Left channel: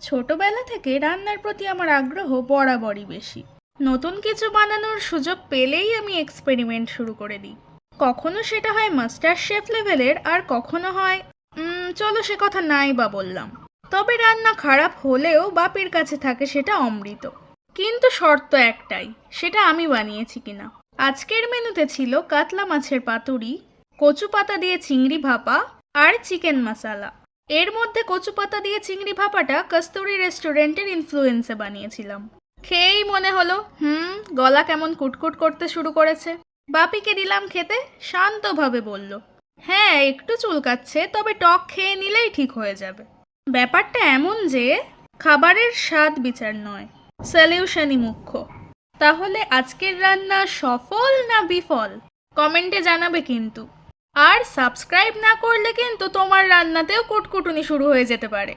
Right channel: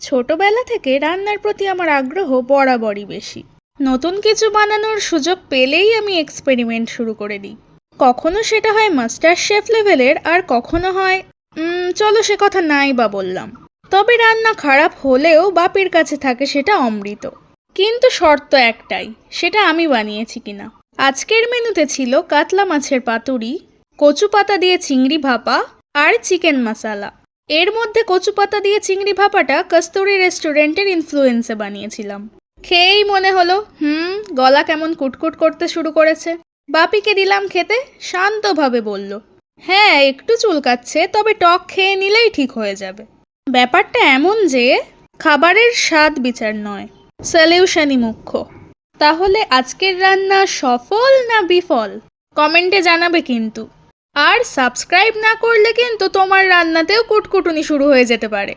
ছোটবেলা থেকে রান্নার প্রতি আমার আগ্রহ বরাবরই বেশি। নতুন কিছু বানানোর সুযোগ পেলেই আমি এক্সপেরিমেন্ট শুরু করে দিই। কখনো সেটা হয় মাস্টার শেফ লেভেলের আর কখনো হয় চলো সে কথা নাই বা বললাম। তবে রান্না খারাপ হলেও বাপের কাছে থাকে সেটা অমৃত। কিন্তু শর্ত একটাই, সেটা আমি বানিয়েছি কিনা। আজকের মেনুতে ছিল কাতলা মাছের পাতুরি কচু পাতা দিয়ে চিংড়ি ভাপা আর চিকেন মশালা। এর মধ্যে কচু পাতা দিয়ে চিংড়ি ভাপাটা কস্তুরি রেস্টুরেন্টের ইনফ্লুয়েন্সে বানিয়েছিলাম। খেয়েই মনে হলো, হুম, গলা কেমন কুটকুট করতে শুরু করেছে। বাপিকে দিলাম খেতে, শান্তভাবে বলল হ্যাঁ একটু চুলকাচ্ছে, তবে টক খেয়ে নিলেই ঠিক হয়ে যাবে। ব্যাপারটা এমন যে, খাবারের স্বাদ বিচার নয় সলিউশনই মুখ্য। তাহলে আজকের রান্না সফল না বিফল? কমেন্টে জানাবে কিন্তু। আর সাবস্ক্রাইব না করলে কিন্তু তোমার রান্নাতেও কুটকুটুনি শুরু হয়ে যেতে পারে।